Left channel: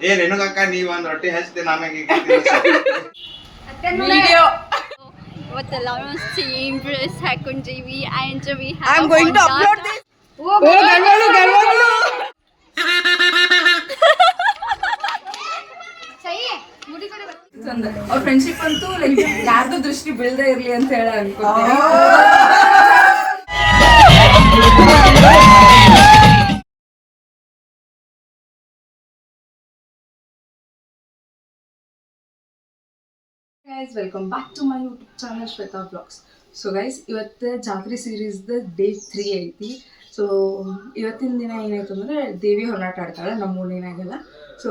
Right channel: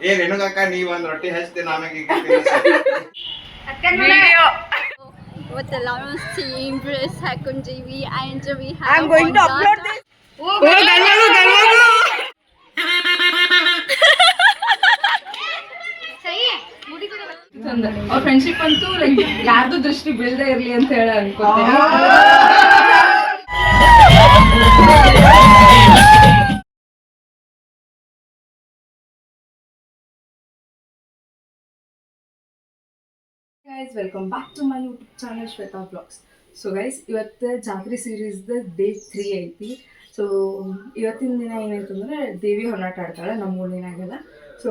ಏ ರೇಣುಕಕ್ಕ ನೀವ್ ಒಂದ್ ರೊಟ್ಟಿ ಹಚ್ತೀನಿ ಆಮ್ಯಾಗ ವಿಡಿಯೋ ಇವತ್ತೆಲ್ಲ same dress ಹಾಕೊಂಡಿವಿ and we I'm going to upload this. ಓ ಗಂಡಗಳು ಗಂಡಗಳು ಅವ್ರ ಫ್ರೆಂಡ್ಶಿಪ್ ಅಂತೂ ಲೈಕ್ ಯಾರ್ದು ದೃಷ್ಟಿ ಬೀಳದೆ ಇರ್ಲಿ ಅಂತ ಹೇಳ ಅನ್ಕೋತೀನಿ guys welcome back to my YouTube channel Shweta blogs so guys ಇವತ್ತು ಜಾತ್ರೆ ಸೀರೀಸ್ದ ಡೇ ತ್ರೀ ಐತಿ. ಸೊ ಇವತ್ತಿನ ದಿನ ಏನಾಯ್ತು ಅಂದರೆ ದೇವಿ ಹೊರನಾಟ ಆಡ್ತಾಳೆ ನಮ್ಮ ಊರಿನಾಗೆಲ್ಲ. ಸೊ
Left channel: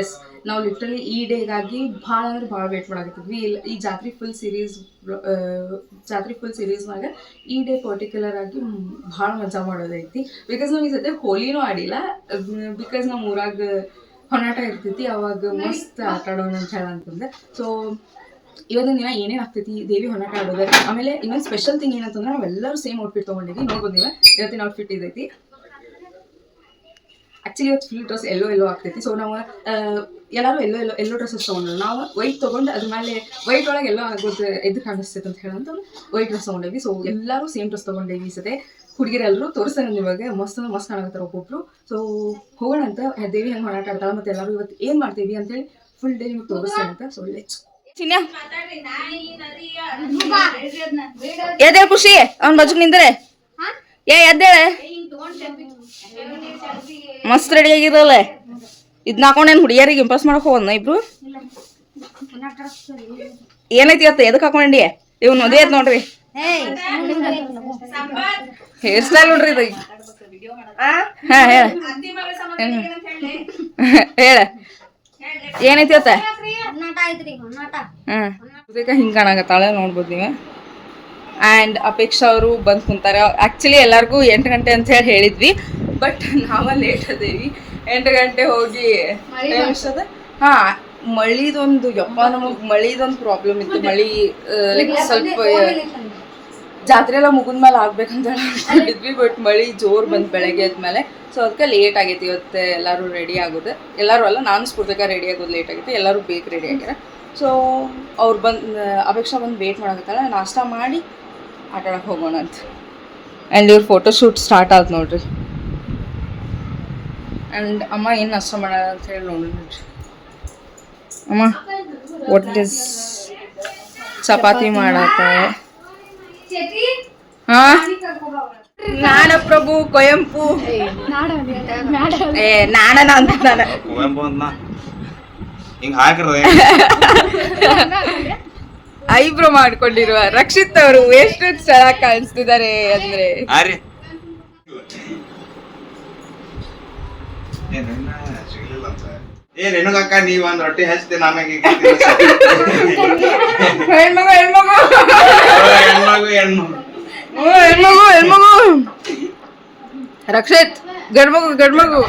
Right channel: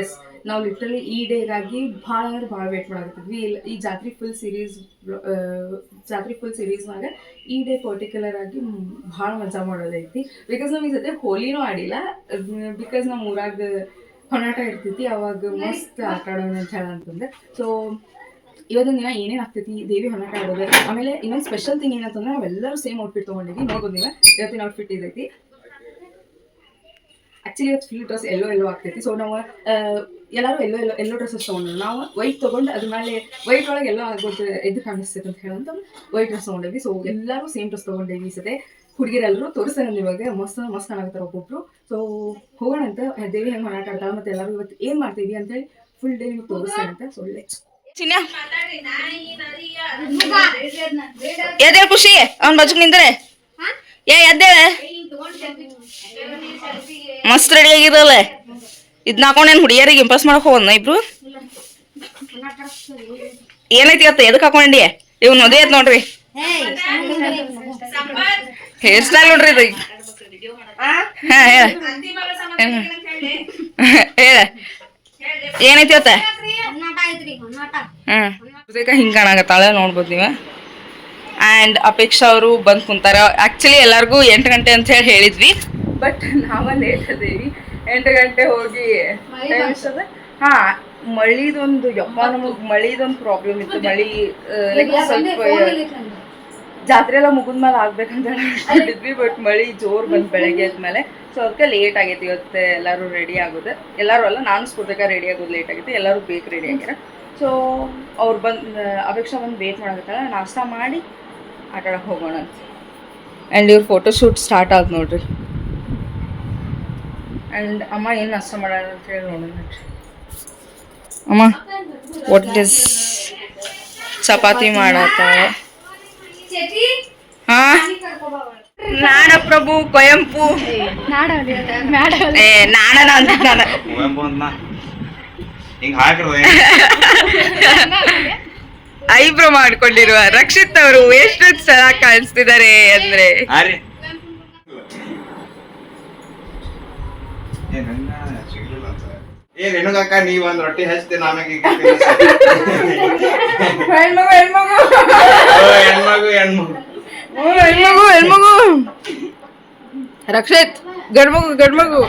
ಎಸ್ ನಾವು ಲಿಟ್ರಲಿ ಈ ಡೇಗಾಗಿ ಭಾಳ ಅಂದ್ರೆ ಭಾಳ ವೇಟ್ ಮಾಡಾಕತ್ತಿದ್ವಿ. ಇಲ್ಲ, ಈ ಜಾತ್ರೆ ಫುಲ್ ಸೀರೀಸ್ ಜಾತ್ರೆ ಫುಲ್ ಸೀರೀಸ್ನಾಗ ಈ ಡೇ ಪರ್ಟಿಕ್ಯುಲರ್ ಆಗಿ ಭಾಳ ಮಜಾ ಮಾಡೋದೈತಿ. ಬಿಕಾಸ್ ನಾವು ಈ ಸತಿ ಹೋಲಿನೂ ಆಡಿಲ್ಲ. ಬಿಕಾಸ್ ನಮ್ಮ ಊರಾಗ ಹೊನಾಟ ಇರ್ತೈತಿ, ಅವಾಗ ಮಸ್ತ್ ಆಟ ಆಡೋಣ ಅಂತ ಹೇಳ ಅಂತಂದ್ರೆ. ಸೊ ಇವತ್ತಿನ ದಿನ ಏನೇನು ಆಗ್ತೈತಿ, ದೇವಿ ಹೊನಾಟ ಆಡೋದು, ಆಮೇಲೆ ಇನ್ನೊಂದು ಸ್ಪೆಷಲ್ ಥಿಂಗ್ ಏನಂತಂದ್ರೆ ನಾವೆಲ್ಲರೂ ಸೇಮ್ ಔಟ್ಫಿಟ್ ತೊಗೊಂಡಿದ್ವಿ. ನೋಡ್ಬೋದು ನೀವು ಇವತ್ತಿನ ಔಟ್ಫಿಟ್ ಇದೈತಿ. ಆ್ಯಕ್ಚುಲಿ ಇವತ್ತು ಫುಲ್ ಡ್ರೆಸ್ ಎಲ್ಲೋ ಎಲ್ಲೋ ಆಗ್ತೈತಿ. ಸೊ ನಾವು ಎಲ್ಲರೂ ಎಲ್ಲೋ ಎಲ್ಲೋ ಎಲ್ಲೋ ಡ್ರೆಸ್ಸಸ್ ತೊಗೊಂಡ್ರು ನಾವು ವೈಟ್ ತೊಗೊಂಡು ಅದ್ರ ಮೇಲೆ ವೈಟ್ ಒಳಗೆ ಎಲ್ಲೋ ಆಗೋದು ಎದ್ದು ಕಾಣಿಸ್ತೈತೆ ಅಂತ ಹೇಳಂತ ವೈಟ್ ಡ್ರೆಸ್ ತೊಗೊಂಡಿದ್ವಿ. ಸೊ ಎಲ್ಲರೂ ಸೇಮ್ ಡ್ರೆಸ್ ತೊಗೊಂಡೀವಿ ಸತೆ. ಹುಡುಗಿರೆಲ್ಲರೂ ತೋರಿಸ್ತಾರೆ ನಿಮಗೆ ಮಸ್ತ್ ಮಸ್ತ್ ಕಾಣಕತ್ತಾರ ಒಬ್ಬೊಬ್ರು. ಸೊ ಹೋಗೋಣ ಅಂತ ದೇವಿ ಹೆಂಗೆ ಮಾರಾಟ ಆಡ್ತಾಳೆ ಮತ್ತೆ ಎಲ್ಲರೂ ಇವತ್ತು ಏನು ಮಾಡ್ತೀವಿ ಅಂತೇಳಿ ಫುಲ್ ಡೇ ನಿಮ್ಗೆ ತೋರಿಸ್ತಾರೆ ಅಂತ. ಸೊ ಲೆಟ್ಸ್ ಎದ್ದೇಳ ಖುಷಿ ಅವ್ನ ಬಜುಕ್ ನಿಂದ್ರೆ. ಏ ಎದ್ದೇಳ. ಮಸ್ತ್ ರೆಡಿ ಆಗಿರಲ್ಲ. ಇದನ್ನ ಹಾಕೊಂಡೇನು ಹುಡುಗಿಯರಿಗೆ ಇಂಪ್ರೆಸ್ ಮಾಡಕ್ ಹೋಗೋಣ ಇಬ್ರು? ಏನೈತಿ ಇವತ್ತು ಎದಕ್ಕೆ ಹಾಕೊಂಡಿ ಇವ್ ನೋದೇ ಐತ್ ನೋಡ್ರಿ. ಹೇರ್ ಸ್ಟೈಲ್ ನೋಡ್ರಿ ಇದು. ಹಾ ಹೇಳ. ಹೇಳ. ಏನೈತಿ ಅತ್ತ? ಹ್ಮ್. ಹಿಂಗೆ ಕಾಣಾಗತ್ತಾಳೆ ನೋಡ್ಬೋದು ನೀವು. ಆ್ಯಂಡ್ ಅಪೇಕ್ಷಾ ಅವರು ಬಂದು ಕುಂತಾರೆ. ಆ್ಯಕ್ಚುಲಿ ಎಲ್ಲರಿಗೂ ಎಂಟು ಗಂಟೆ ಅಂತ ಹೇಳಿ ಹೇಳಿದ್ವಿ. ಬಟ್ ನಾವ ಲೇಟ್ ಅದೇವಿ. ಎಂಟು ಗಂಟೆ ಹೋಗಿ ಅದ ಹಾಂ ಹಾ ಮಳಿದೊಂದು ಯಪ್ಪ ನಮಗೆ ಮಳಿದೊಂದು ಪ್ರಾಬ್ಲಮ್ ಇತ್ತು. ಮಳಿ ಲೈಕ್ ಸ್ವಲ್ಪ ಜಾತ್ರೆ ಎಲ್ಲ ಮುಗಿದ್ಮೇಲೆ ಆಗ್ಬೇಕಂತ ಹೇಳಿ ಅನ್ಕೊಂಡಿದ್ವಿ ಬಟ್ ಮಳಿ ಜೋರ್ ಬಂತು ಬೆಳಗ್ಗೆ ಆದ್ಮೇಲೆ. ಸೊ ಅದಕ್ಕೆ ಲೇಟ್ ಆಗೈತಿ ಇವತ್ತು ಎಲ್ಲರೂ ರೆಡಿ ಆಗೋದು. ಎಲ್ಲರೂ ಅಲ್ಲ ನಾನು ಸ್ಫೂರ್ತಿಕ ರೆಡಿ ಆಗೋದು ಲೇಟ್ ಆಗೈತಿ. ಎಲ್ಲರೂ ಬೇಕು ರೆಡಿ ಆಗ್ಯಾರ ಸೊ ಅವ್ರು ಬಂದು ಅಪೇಕ್ಷಾ ಬಂದು ವೇಟ್ ಮಾಡಕತ್ತಾಳ ನಾಷ್ಟ ಮಾಡಿ ಆಟ ಆಡಕ್ಕೆ ಹೋಗೋಣ ಅಂತ. ಆ್ಯಂಡ್ ಇವ್ರ ಫೋಟೋ ಶೂಟ್ ಸ್ಟಾರ್ಟ್ ಆಯ್ತು ನೋಡ್ರಿ. ಆ್ಯಂಡ್ ಅಮ್ಮ ಏನು ನಾಷ್ಟ ಮಾಡೋಣ ಅಂತ ಹೇಳಿ ನೋಡೋಣ ನೋಡ್ರಿ. ಅಮ್ಮ ವಾಟ್ ಇಸ್ ಚಪಾತಿ ಮಾಡತ್ತಾಳೆ ಹಾ? ನಾಡಪ್ರಭು ಕೊಯಂಪು. ಏ ನಾಡನ ಅಂತ ನಾನು. ಕುವೆಂಪು ಅಂದ್ನ? ಹಿಂಗ್ ಹಾಕಿರೋದು ಐಬ್ರೋ ಮಾಡ್ಕೊಂಡಿರುವ ರಕ್ಷಿತ್ ಅವರು ಎಷ್ಟು ಸಲ ಕಾಣಿಸ್ತಿದ್ದಾರೆ ಅಂದ್ರೆ ಆರಿ ಏ ನನ್ನ ಸಿಗ್ಲಿಲ್ಲ ಅಂತ ಏ ಅಕ್ಕ ನೀವ್ ಒಂದ್ ರೊಟ್ಟಿ ಹಚ್ತೀನಿ ಆಮ್ಯಾಗ ಹೆಣ್ಮಗು ಹೆಣ್ಮಗು. ಹೆಣ್ಮಗು ಹೆಣ್ಮಗು. ಹ್ಞೂ, ಹೆಣ್ಮಗು ಹೆಣ್ಮಗು. ರಕ್ಷಿತ್ ಗಂಡ್ಮಗು ಗಂಡ್ಮಗು.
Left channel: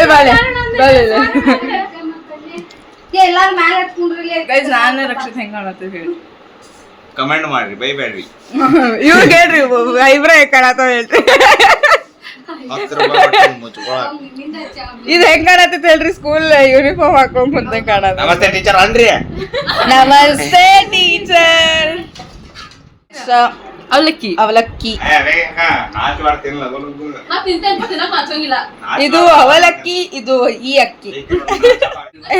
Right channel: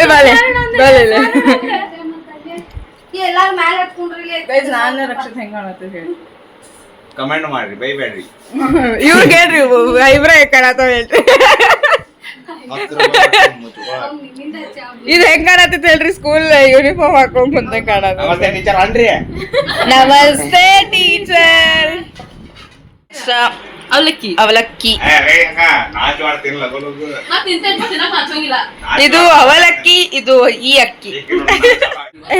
ಏ ಬಾಲೆ ಬಾಲೆ. ಗೈಸ್ ನಾನು ರಕ್ಷಿತ್ ಹೆಂಗ್ ಕಾಣತ್ತೆ ಹೇಳಿ. ಕಮೆಂಟ್ ಮಾಡ್ರಿ ಬೈಬೇಡ್ರಿ. ಇವ್ರು ಹೇಳ್ರಿ ಐಬ್ರೋ ಕಾಣತ್ತಾವ ಹೇಳ್ರಿ. ಇದು ಹೆಂಗ್ ಕಾಣತೈತಿ ಹೇಳ್ರಿ ಸ್ಕೂಲ್ ಯೂನಿಫಾರ್ಮ್ ಹಾಕೊಂಡ್ ಮುಂದೆ ಕಾಣದ ನಮಸ್ತೆ ಟೀಚರ್ ಅನ್ರಿ ನಮಸ್ತೆ ಟೀಚರ್ ಅವಲಕ್ಕಿ ಅವಲಕ್ಕಿ. ಇದು ಅವಲಕ್ಕಿ ಇದು ಈ ಅಕ್ಕಿ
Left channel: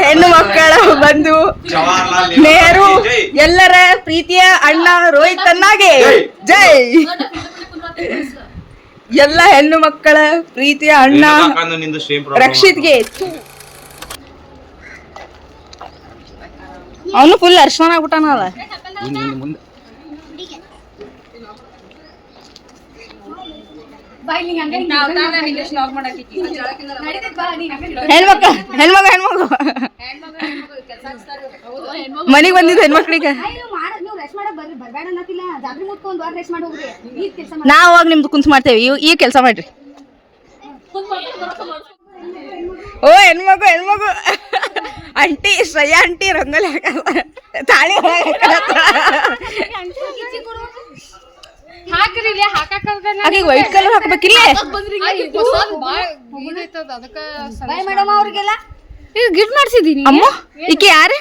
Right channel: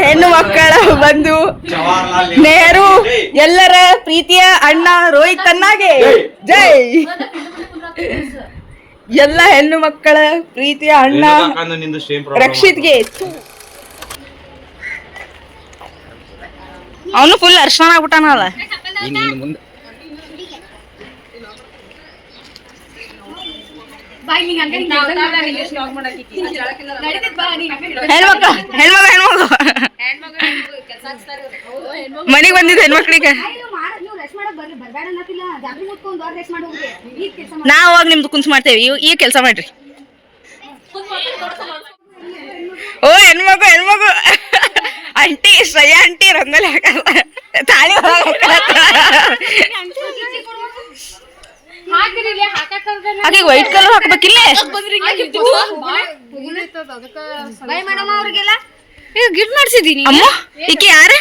ಹೆಣ್ಣು ಮಕ್ಕಳ ಬಂದು ನೆಹರು. ಎಲ್ಲರ ಪ್ರೀತಿಯ ಅಣ್ಣ ರೋಹಿತ್ ಅನ್ನಾಗೆ ಜೈ ಎಲ್ಲ ಹೆಣ್ಣು ಮಕ್ಕಳ ಪ್ರೀತಿಯ ಅಣ್ಣ ನಿಂದು ಸೇಮ್ ರಕ್ಷಿತ್ಗೆ ಅವನು ಫುಲ್ ಅರ್ಶನ ಆಗ್ಬಿಟ್ಟಾನಲ್ಲ ಹೆಣ್ಮಕ್ಳು ಹೆಣ್ಮಗ ಹೆಣ್ಮಗು ಮನೆಗೆ ಬಂದಿದ್ದ ಹೆಣ್ಮಕ್ಳಿಗೆ ನೀವು ರೆಸ್ಟ್ ಮಾಡಕ್ ಬರ್ರಿ ಬರ್ಬೇಡ ಅನ್ನತ್ತಿಲ್ಲ ಜಾತ್ರೆ ಮುಟ್ಕೊಂಡ್ ದೊಡ್ಡ ರೆಸ್ಟ್ ಮಾಡಿ ಹೋಗ್ರಿ ಈಗ ಕೆಲಸ ನಾವು ಅವಾಗ ನಿಮ್ದು ಕುಂತ್ ಮಾಡ್ತೇವೆ. ಇವ್ ಈ ಕೆಲಸ ಮಾಡ್ರಿ. ಓ ಹೆಣ್ಮಗು ಹೆಣ್ಮಗು. ಅಂಟಿ ಶ್ರೇಯ ಅಂಟಿ ರಂಗೋಲಿ ಹಾಕಲ್ಲ. ತಾಳಿ ಹೋಗಿ ಆಕೆಗೆ ವೈಟ್ ಕಲರ್ ಹಾಕ್ಬೇಕಿಲ್ಲ ಗಿಫ್ಟ್ ಮಾಡ್ಸಿದೀನಿ. ಅಮ್ಮ ಈಕೆ ಯಾರ?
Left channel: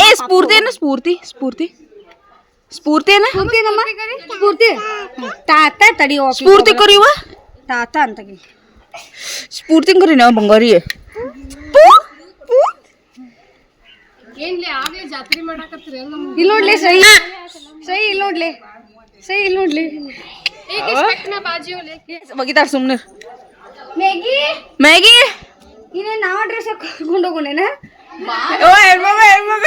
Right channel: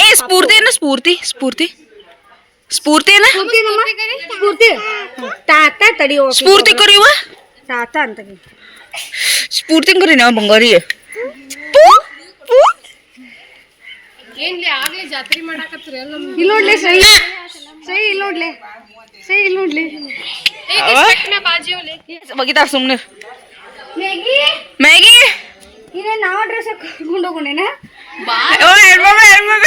ಏ ಸ್ಫೂರ್ತಿ ಏನ ಸ್ಫೂರ್ತಿ ಸ್ಫೂರ್ತಿ ಸ್ಫೂರ್ತಿ ಏನ ಸ್ಫೂರ್ತಿ ತಾತ ತಡಿಯೋ ಸ್ಫೂರ್ತಿ ಕರಿಯುವ ತಾತ ಅಂತ ಸ್ಫೂರ್ತಿ ಕರಿ ನಾವು ಬಂಗಾರಿ ಇಲ್ಲಿ ನೋಡ್ಲಿ ಸೈ ಸೈ ಇಲ್ಲಿ ನೋಡ್ಲಿ ಸೈ ಇಲ್ಲಿ ನೋಡ್ಲಿ ಬಗಿತಾರ ಸುಮ್ನೆ ಮ್ಯಾಗಿ ಮ್ಯಾಗಿ ಇನ್ನೇ ನಾವ್ ಡ್ರೆಸ್ ಹಾಕೊಂಡು ಹೋಗೋಣೇನ ಓ ಹೆಣ್ಮಗ ಹೆಣ್ಮಗ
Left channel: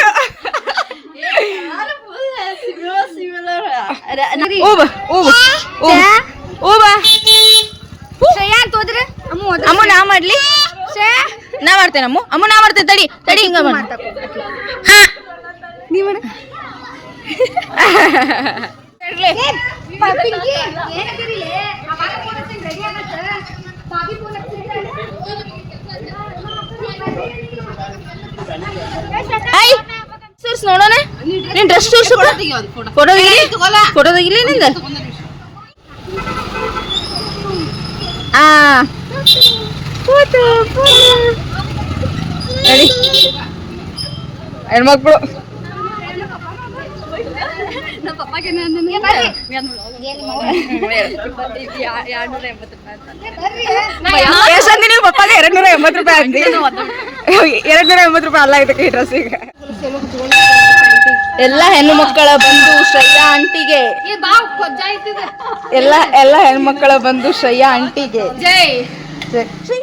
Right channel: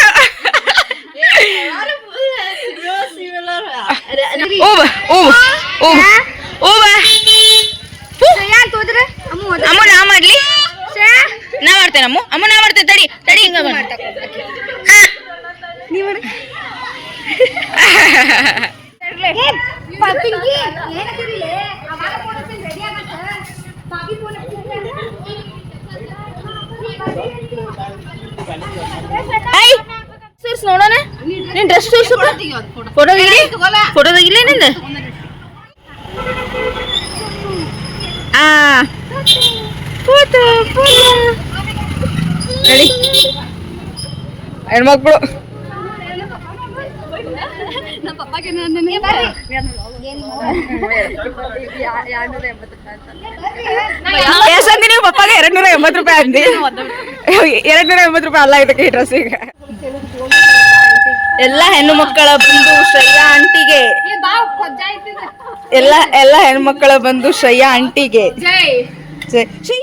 ಓ ಬಾ ಓ ಬಾ ಓ ಬಾ. ಓ ಬಾ. ಶ್ರೇಯಾ ಅಂತ ಹೋದ್ರೆ? ಅಮ್ಮ ಹೋದ್ರೆ? ಅಮ್ಮ ನಾ ಮಾಡ್ಲಿ? ಶ್ರೇಯಾ ನಾ ಮಾಡ್ತೇನೆ ಅಮ್ಮ. ಅಮ್ಮ ನಾ ಮಾಡ್ತೇನೆ ತಡಿ. ತಡಿ ಹಿಂಗ ಬಾ ಹಾ. ನೀವ್ ಮಾಡು. ಏ, ಪಿಂಕಿ, ಏನಂತೀರಿಲೆ? ಅವಾಗ phone ಹಚ್ಚಿದ್ರೆ ready ಆಗತ್ತ? ಬಾಬಿ phone ಹಚ್ಚಿದ್ರೆ? ಐ ಸೂರ್ಸ್ ನೋಡೋಣ. ನಿನ್ ಡ್ರೆಸ್ ಸೂರ್ಸು ಫೋಟೋ ತೆಗಿಲಿ. ಫೋಟೋ ತೆಗಿಲಿ ನಿಂದ. ಆ. ಫೋಟೋ ಫೋಟೋ ಹೆಣ್ಮಕ್ಳು. ಪಪ್ಪಗೆ ನಾನು ಪಪ್ಪಾಗ ನೂರ ಎಂಬತ್ತು ರೂಪಾಯಿ ಅಂದಿ ಎರಡ್ ನೂರ ಎಂಬತ್ತು ರೂಪಾಯಿ ಅಲ್ಲ ಇದಕ್ಕೆ ಡ್ರೆಸ್ ಈಗ. ಎಲ್ಲ ಹೆಣ್ಣು ಮಕ್ಕಳ ಬಂದು ಶ್ರೇಯಾ ಆಂಟಿಗೆ. ಎಲ್ಲ ಎಲ್ಲ ಹೆಣ್ಮಕ್ಕಳ ಬಂದು ಶ್ರೇಯಾ ಆಂಟಿಗೆ. ಜೈ. ಶ್ರೀ.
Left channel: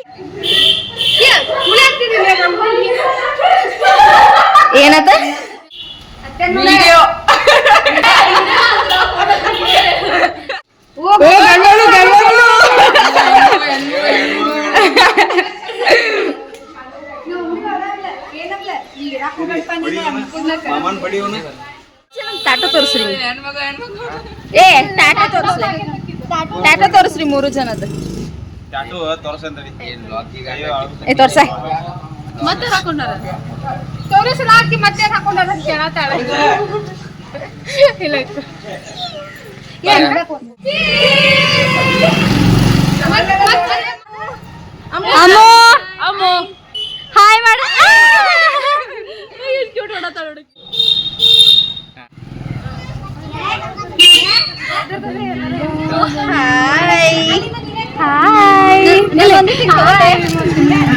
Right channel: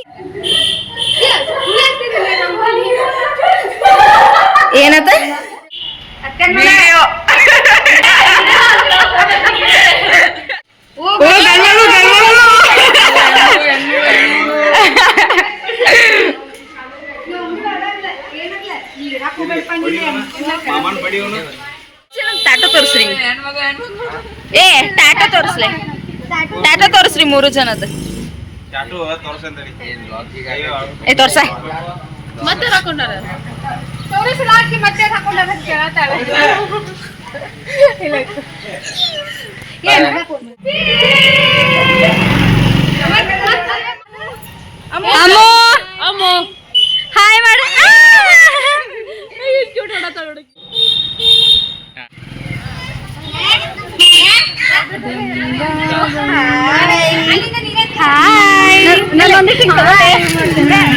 ಬಡಿಯೋನು. ಟಾಟೋ ತೋರಿಸ್ರಿ. ಏ ಟಾಟೋ ತೋರಿಸ್ಲಿ. ಟಾಟೋ ತೋರಿಸ್ರಿ ಮೂರು ಜನದ ತೋರ್ಸ ತೋರಿಸಲ್ಲ ಹಾಕಿ ಮತ್ತೆ ಹಾಕೊಂಡ ಕೇಳತ್ತಾಳೆ. ಇಲ್ಲ ಅಮ್ಮೋ! ಹಾಯ್ ಮಾಡ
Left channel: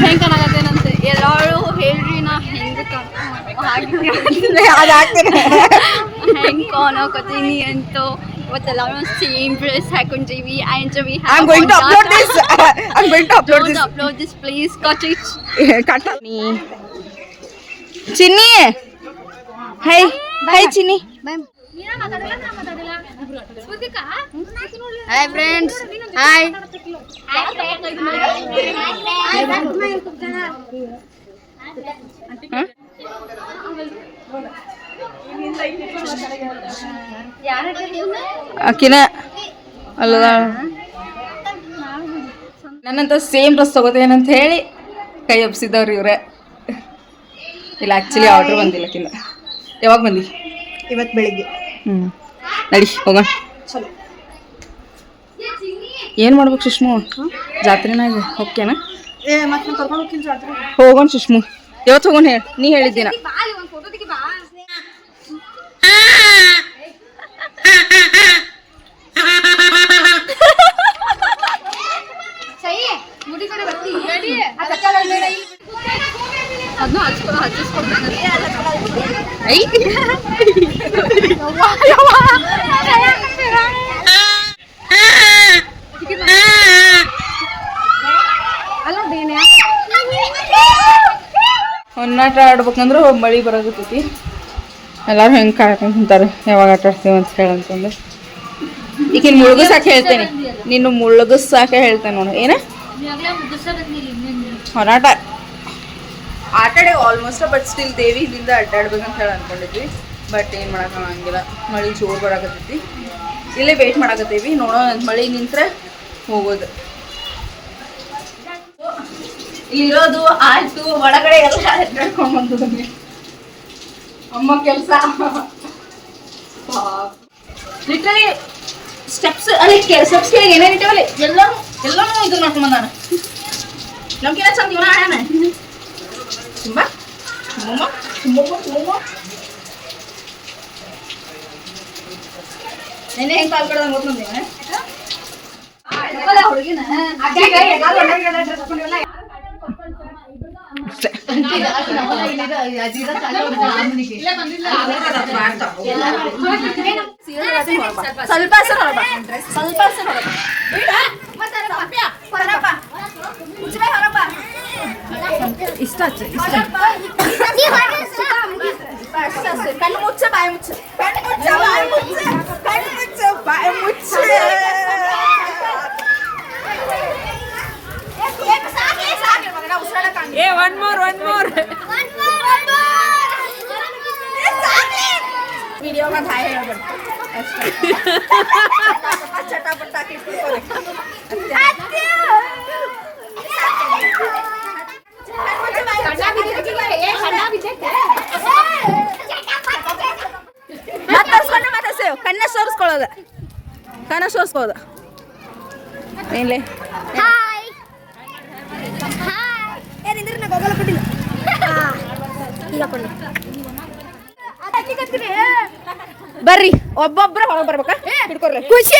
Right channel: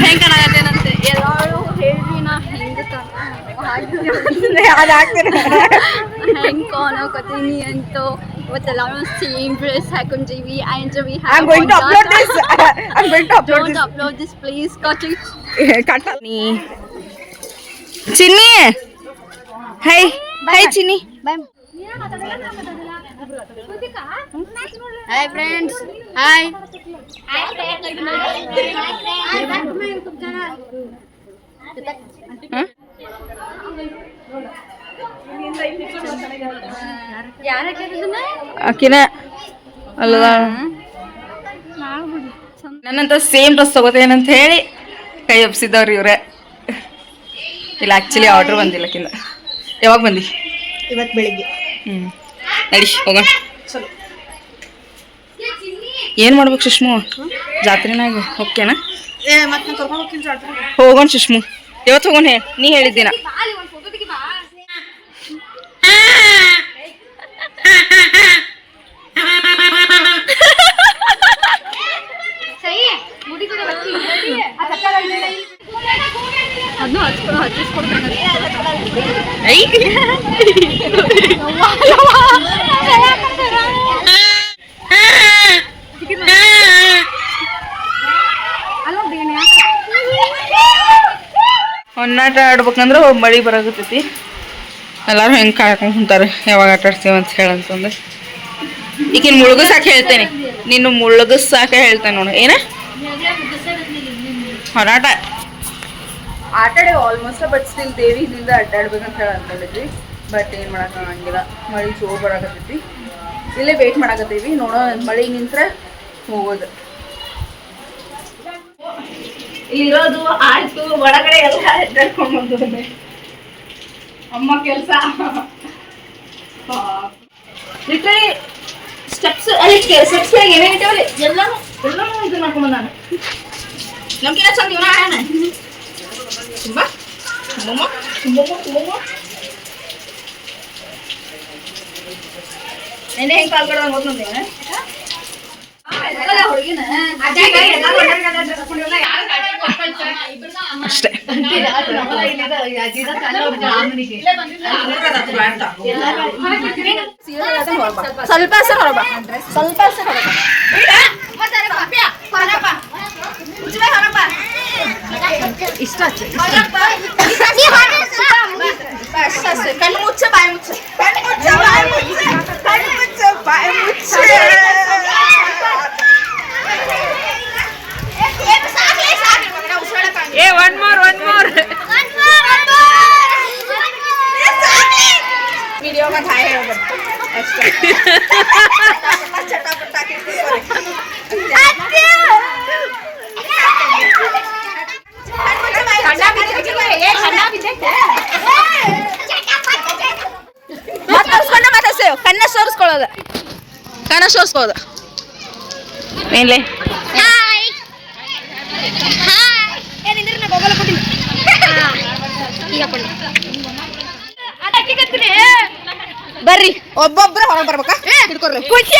ಹೆಂಗ್ ಕಾಣಕತ್ತೇನಂತೆ ಎಲ್ಲಾರು ಹೇಳ್ರಿ ನಾ ಹೆಂಗ್ ಹೆಂಗ್ ಕಾಣಕತ್ತೀನಿ ಅಂತ ಇವತ್ತೆಲ್ಲಾರು same dress ಹಾಕೊಂಡಿವಿ and we I'm going to upload this. I'm going to upload Don't this. upload this, please. Got it. ಕಟ್ಟ ಚಿನ್ನಿ ಹೈ ಹೈ ಚಿನ್ನಿ Hi friends. Hi. ಹ? ಆಕಿನ ಅಲ್ಲದ ನನ್ನಂತ ಸೇಮ್ ಡ್ರೆಸ್ ತಗೋತೇನಂತ ಹೇಳಿ ಕೈ ಒಪ್ಸಿದ್ದವ್ರಿ ಇವ್ರೆ. ಇಲ್ಲ ಆ್ಯಕ್ಚುಲಿ ಆರ್ಡ್ರ್ ಬಂದಿಲ್ಲಕ್ಕಿಂತ ಯಾವಾಗ ಬಂದಿ? ಇವತ್ತು ಬೆಳಿಗ್ಗೆ. ಹ್ಞೂ ನಡಿ ಹೋಗೋಣ. ಏನು ಮಾಡ್ಬೇಕು ಸುಷ್ಮು? ಜಾತ್ರೆನಾಗ ಹೋಗ್ತೀನಿ? ಹೋಗೋಣ ಸುಷ್ಮು. ಯಾವತ್ತು ಹೋಗೋಣ ಹೇಳಿ ನೀ ಹೇಳಿದ್ದೀನ ಅದನ್ನು ಹಚ್ಕೊ ಹಚ್ಚಿಸ್ಕೊಡ್ತೀನಿ. ಐ ಹೊನ್ನಾಟ ಆಡ್ಬೇಕಂದ್ರೆ ಮಳೆ ಬರಾಕತ್ತೈತಿ. ಎಲ್ಲರೂ ಹೆಂಗೆ ಕಾಯ್ಕೊಂಡು ಕುಂತಾರೆ, ಯಾವಾಗ ಆಟ ಆಡ್ತೀವಿ ಅಂತ ಹೇಳಂತಂದು ಈಗಿನ ಮುಳುಗಸಾಕ ಹೇಳ್ತೇನೆ. ನೀನು ಮುಳುಗಸಾಕ ಹೇಳ್ತೇನೆ ನೋಡು. ಏನ? ಹೊರಾಟ. ಆಟಾಡಿ ಆಲ್ಮೋಸ್ಟ್ ಬಟ್ ಸ್ಟಿಲ್ ದೇವಿ ಇಲ್ಲಿಂದ ಅಡ್ಡಾಡ್ಬೇಕಂತ ಹೇಳಿ ಅನ್ಕೊಂಡಿದ್ವಿ. ಬಟ್ ಏನು ಮಾಡೋಕ್ಕಾಗಂಗಿಲ್ಲ ಮಳೆ ಜೋರು ಬರಾಕತ್ತೈತಿ. ಇಲ್ಲೇ ವೇಟ್ ಮಾಡಾಕತ್ತೀವಿ. ನೋಡೋ ಮಳೆ ನಿಂತ್ರೆ ಹೋಗೋದು. ಇಲ್ಲಿರೋದು ಆಯ್ತು ಒಳಗಡೆ ಎಲ್ಲ ಬಂದಿದ್ದಾನೆ ಅಮ್ಮ ಕೆಲಸ. ಲಿಟ್ರಲಿ ಸ್ಟೆಪ್ಸ್ ಅದಕ್ಕೆ ಸ್ಟೆಪ್ಸ್ ಏನೇನು ಇಟ್ಟಿವಲ್ಲಿ ಎಲ್ಲಾನು ಎಲ್ಲಾನು ಇದು ಮಾಡ್ಕೊಂಡ್ ಬಂದಾನ ನಮ್ಗಿನ ಚಂದ ಇವನ ಆಡ್ಯಾನ ತುಂಬಾ ತುಂಬಮ್ಮ ನೆನೆ ಹೆಂಗ್ ಹುಡುಗಿನ. ಅಷ್ಟೇ ಸ್ವಲ್ಪ ಹೆಸರು ಹೊರಬ ಸ್ವಲ್ಪ ಹೆಸರು ಹೊರಬ ಇಷ್ಟ ಅಷ್ಟೇ ಕಣ್ಣು ಮುಚ್ಚ ಬಾಯಿ ಮುಚ್ಚ ಕಣ್ಣು ಮುಚ್ಚ ಬಾಯಿ ಮುಚ್ಚ ಕಣ್ಣು ಮುಚ್ಚ ಬಾಯಿ ಮುಚ್ಚ ಏ ಒನ್ ಮೋರ್ ಒನ್ ಮೋರ್ ವಿಡಿಯೋಗ ಹಾಯ್ ಹೇಳ್ಬೇಕು ಅಷ್ಟೇ ಚಟಾಪಟ ಹಾಕಿರ್ತೀವಿ ಮಾತಾಡ್ಸ್ಕೊಂಡೆ ಮಾತಾಡ್ಸೇವ್ ಕಣ್ಣ ಸೋರಿಸ್ಕೊಳ್ಳೋದು. ಕಣ್ಣ ಸೋರಿಸ್ಕೊಳ್ಳೋದು. ಏನ್ಲೇ ಹಾಯ್ ಹಾಯ್ ಈಗ ಕೊಂಡೆ ಬರ್ರಿ. ಒಬ್ಬೊಬ್ರು ಹೊರಗೆ ಬರ್ಬೇಕಾ? ಹಿಡ್ಕೊರ್ರಿ ಖುಷಿ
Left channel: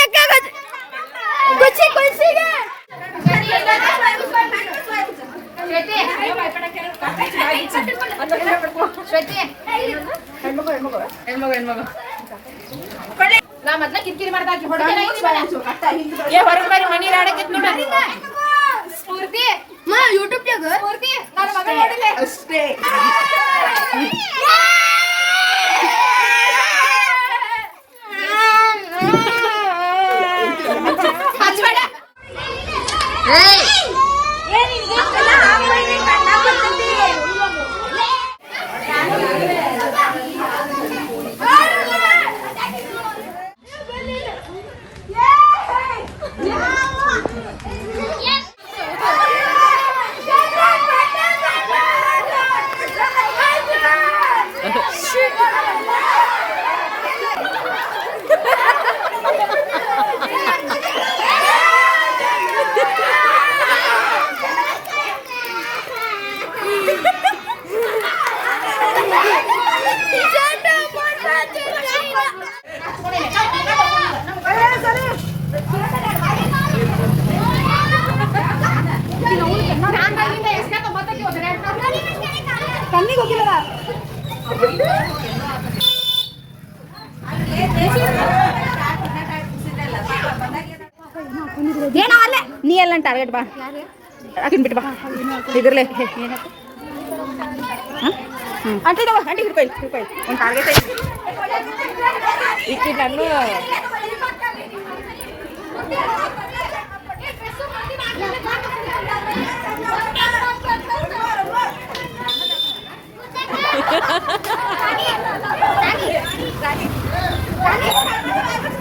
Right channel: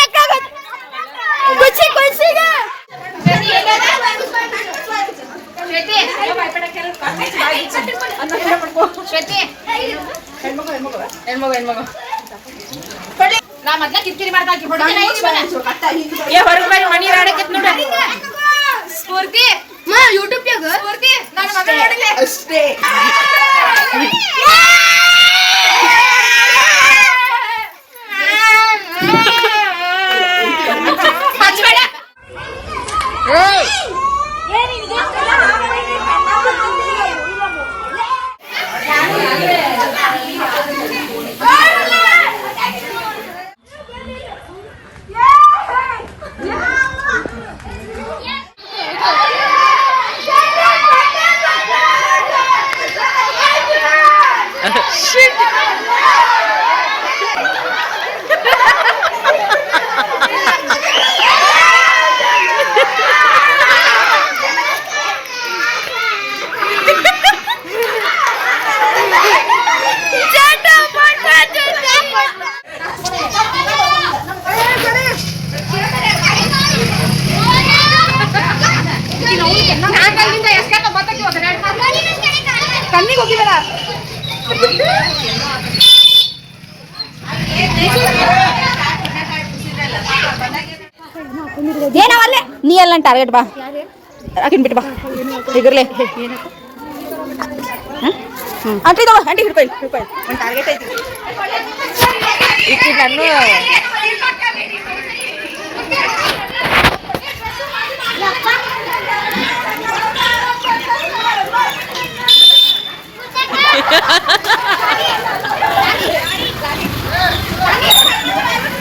ಖುಷಿ ಖುಷಿಗೆ. ನಾ ಮೊದ್ಲ ಕಿರಿಕಿರಿ ಮಾಡ್ದಾಕಿ ಹೊಡೆದ ಏ ಹೊರಗೆ ಮನಿ ರಾಡಕತ್ ನೋಡ. Wednesday. ನೀ ಎಲ್ಲ ಟಾರ್ಗೆಟ್ ಬಾ. ಆಕಿನ್ ಬಿಟ್ಟು ಬಾ. ಹಿಗರ್ಲೆ ಅಂಟಿ ತಗೋ ಅಂಟಿ ಹಿಡ್ಕೊಯ್ ಹಿಡ್ಕೊಯ್ ಒಂದು ಟಾರ್ಗೆಟ್ ಐತಿ. ಈಕಿ ನಾನು ನಿಮ್ಮ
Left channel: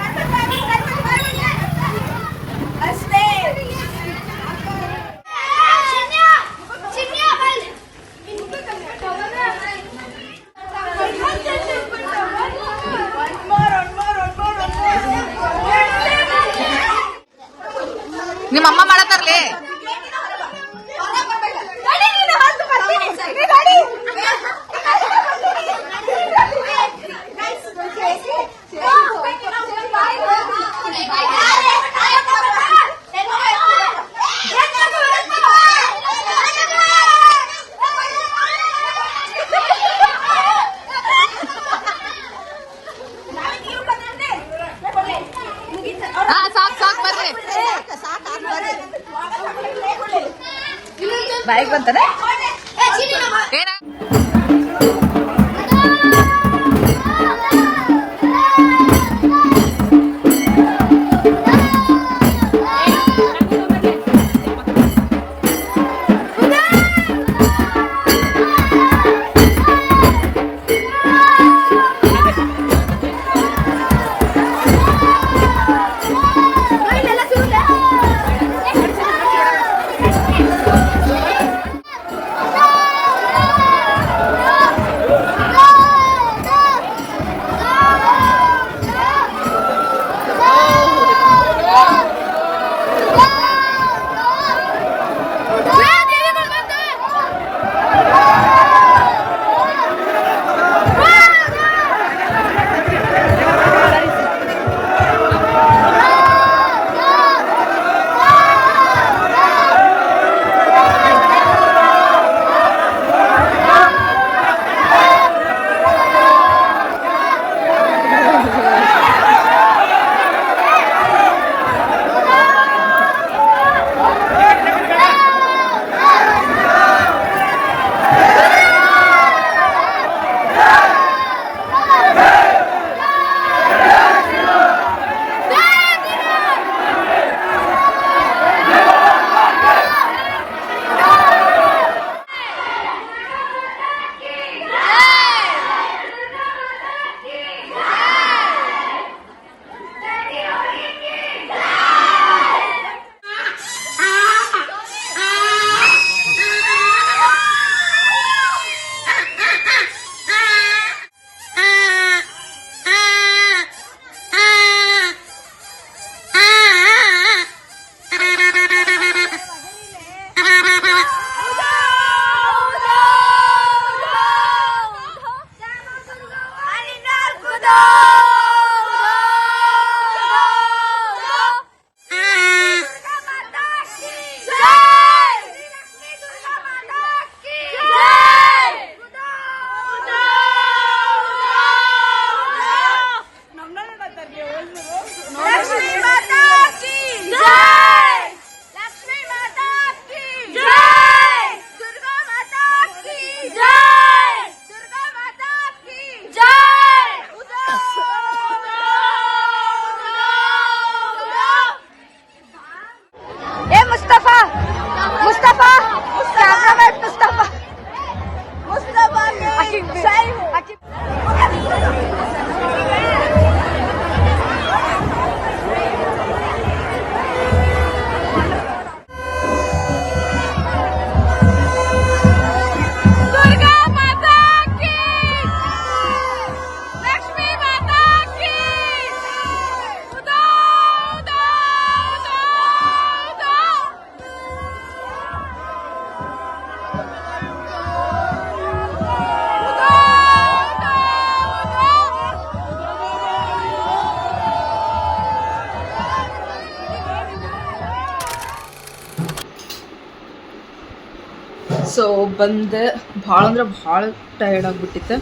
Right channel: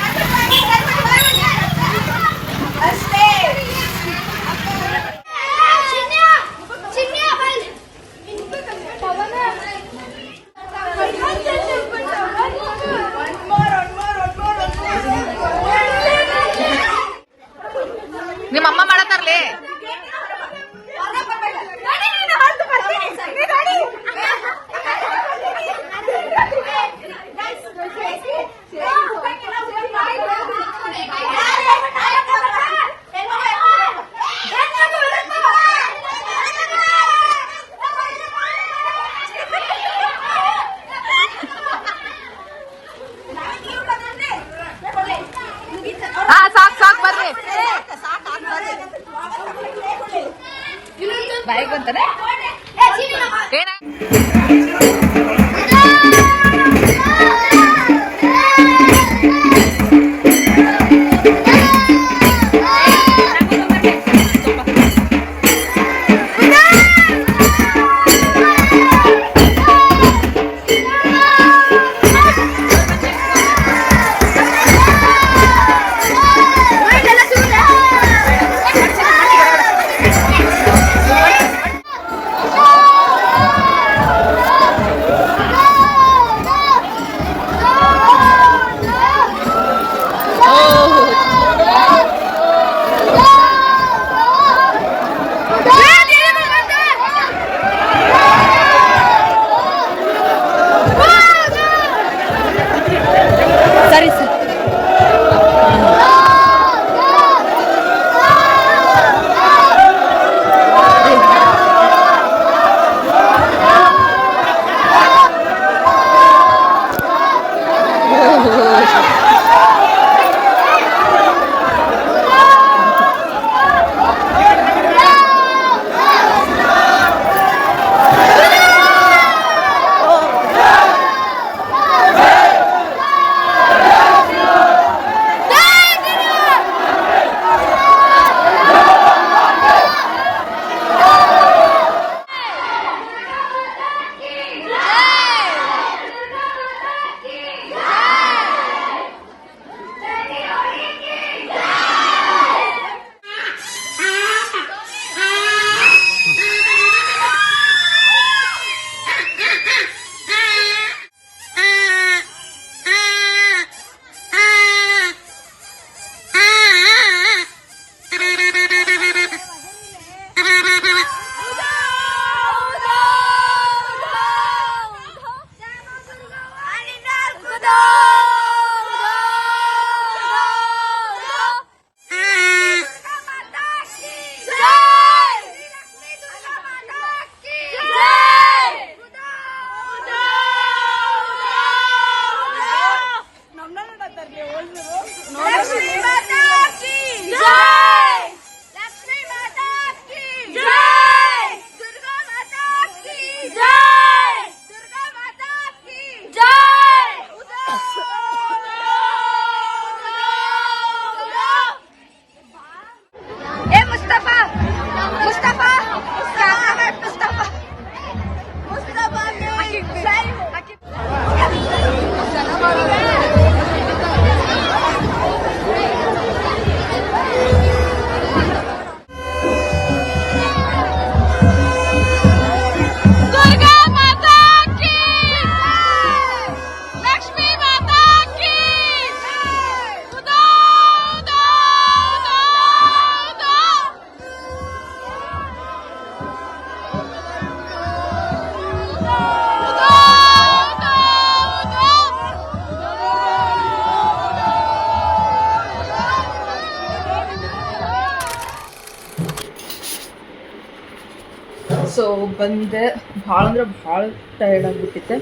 ಬಂದೆ, ಭಾಳ ಅಂದ್ರೆ ಭಾಳ ಟಯರ್ಡ್ ಆಗಿಬಿಟ್ಟಿತ್ತು.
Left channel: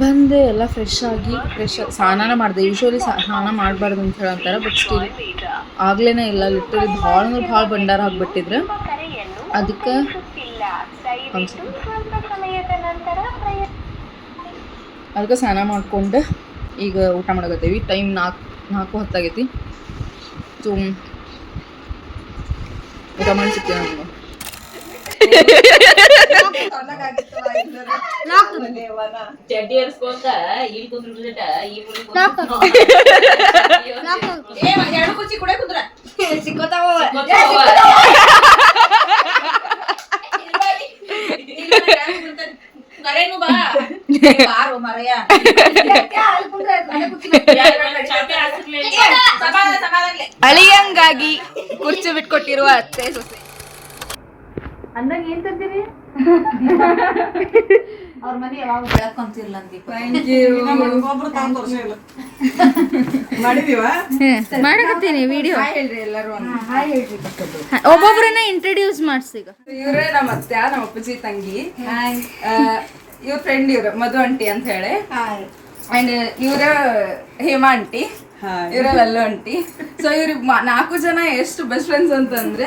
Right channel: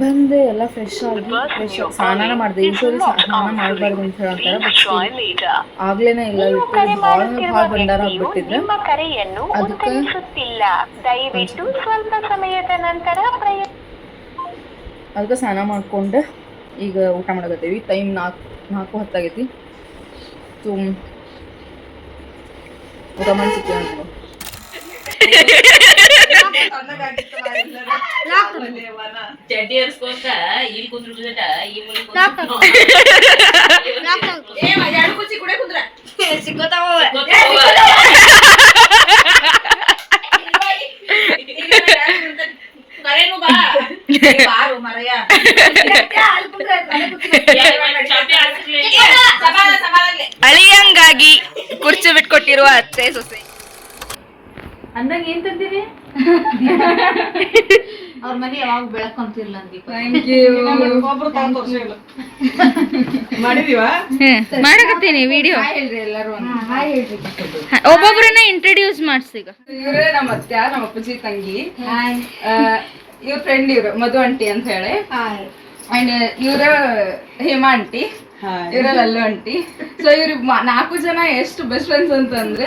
ಬಂದೆ, ಎಲ್ಲ ಫ್ರೆಶ್ ಆಗಿ ಫ್ರೆಶ್ ಆಗಿ ಸ್ನಾನ ಮಾಡಿದೆ. ಯೂಶ್ವಲಿ ಸ್ನಾನ ಮಾಡಬಾರ್ದು ಅಂತ ಹೇಳಂತಾರೆ ಬಟ್ ಸ್ಟಿಲ್ ಆಗ್ಲೇನೇ ಇಲ್ಲ. ಲಿಟ್ರಲಿ ಭಾಳ ಅಂದ್ರೆ ಭಾಳ ಭಂಡಾರ ಆಗಿಬಿಟ್ಟಿದ್ರೆ. ಅದಕ್ಕೆ ಅದಕ್ಕೆ ಸ್ನಾನ ಮಾಡ್ಕೊಂಡು. ಈಗ ಊಟ ಮಾಡಕತ್ತೀವಿ. ಟೈಮ್ ನಾಲ್ಕು ನಾಲ್ಕು ಹೊತ್ತಾಗೈತಿ. ಸೊ ಊಟ ಮಾಡಿ ನಮ್ಗೆ ಇಲ್ಲಿ ಕುಂದ್ರ ಬಾ ಅಳಿಯಂಗಾಗಿ ಕುರ್ಚಿ ಬಿಟ್ಕೊಟ್ಟಿರುವ ಅತ್ತೆ ಸೊಸೆ. ಅಂದಂಗ ಏನ್ ತಂದಿರಿ ಅವ್ರ ಮನೆ ಯಾವಾಗ ಬೆಳಕೊಂತಿರ್ಲ ಅಂದಿ. ಥ್ಯಾಂಕ್ ಯು ಮಾಡಕತ್ತೀನಿ ವಿಡಿಯೋ ಹೇಳ್ರಿ ಎಲ್ಲರೂ ಹಾಯ್ ಹೇಳ್ರಿ ಒಬ್ಬೊಬ್ರನ್ನ ಇಂಟ್ರೊಡ್ಯೂಸ್ ಮಾಡ್ಸೀಗ ಇವ್ರೇ ನಮ್ಮ ಅತ್ತೆ ನಮ್ಮ ಅಪ್ಪಾಜಿ ತಂಗಿ. ಇವ್ರ ಫ್ರೆಂಡ್ ಇವ್ರು ಮಧು ಆಂಟಿ ಅಂತ ಹೇಳಿ. ಹಾಯ್. ಅಂಡ್ ಇವ್ರ ಹೇಮಾ ಆಂಟಿ ಇವರ ಅಲ್ಲೂ ಅಂಟಿ ಸೊ ಇವ್ರ ನಾಲ್ಕು ಜನ ಎಷ್ಟು ಬೆಸ್ಟ್ ಫ್ರೆಂಡ್ಸ್ ಅಂತಂದ್ರೆ